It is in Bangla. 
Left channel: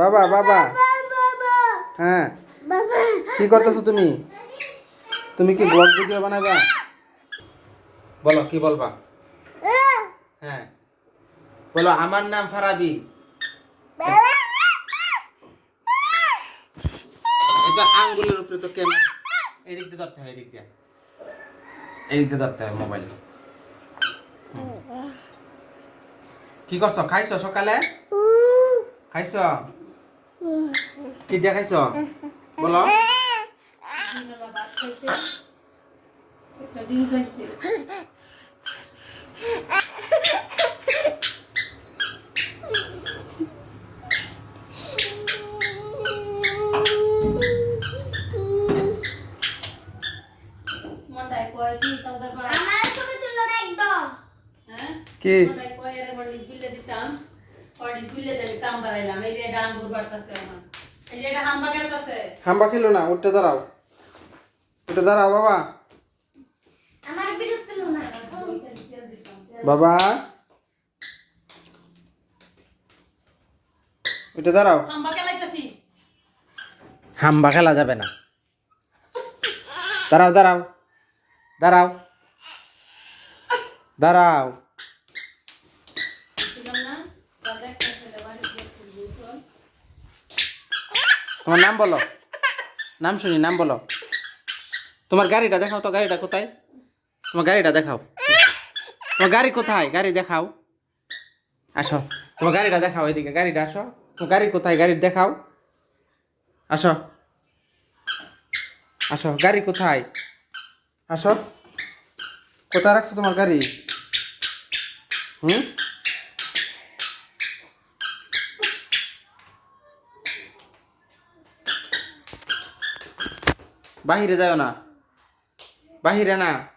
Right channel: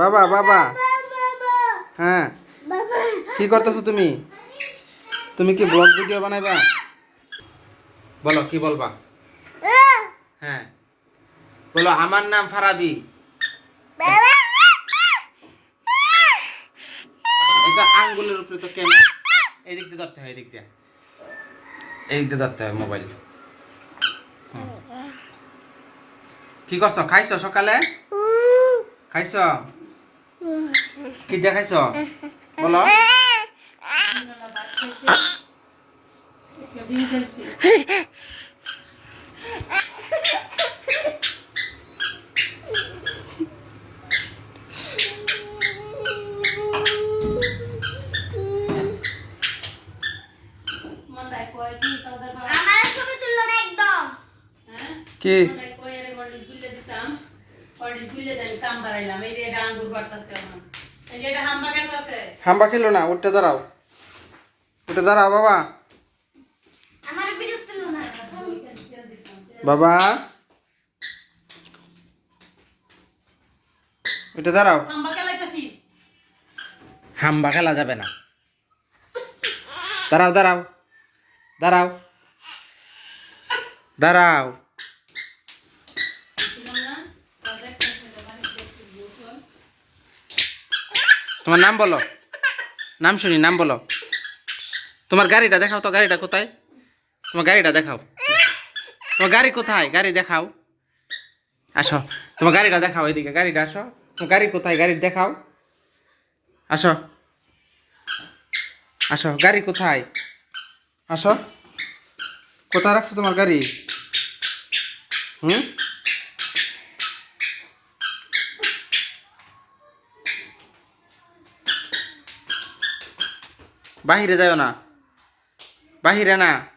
বাবা বাবা। হ্যাঁ। কি করতেছো তুমি? তুমি কি ব্লগ ভিডিও বানাইবা? বলো, কি বলবা? হ্যাঁ। বলো, আমার নাম ফারাবি। এটা আঙ্গুলের উপরে তো কেন? এই দিক দিয়ে ধরতে হয় এই দিক দিয়ে। এই দিক দিয়ে ধরতে হয় মোবাইল কি করছ? খাইছো সকালে? খাইছো? কি দিয়ে খাইছো বলো কি? হাম্বা খেলো না উঠতে দাঁড়াও। উঠে দাঁড়াও বাবা। বাবা। উঠে দাঁড়াও। হাম্বা খেলা যাবে না। দাঁড়াও দাঁড়াও। দাঁড়াও। দাঁড়াও। তোমার নাম বলো। নাম শুনি, নাম বলো। তোমার গাড়িটা দেখাও তো, গাড়িটা কোথায়? তোমার গাড়িটা দেখাও। তোমার গাড়ি কোথায়? গাড়ি দেখাও। আসো, তোমার গাড়িটা দেখাও এদিকে, গাড়িটা আসো। তোমার গাড়ি কোথায়? গাড়ি দেখাও। আসো। আসো, গাড়ি কোথায়? আসো। কোথায় রাখছো তোমার গাড়ি? হুম? বাহিরে যাও না। বাহিরে না।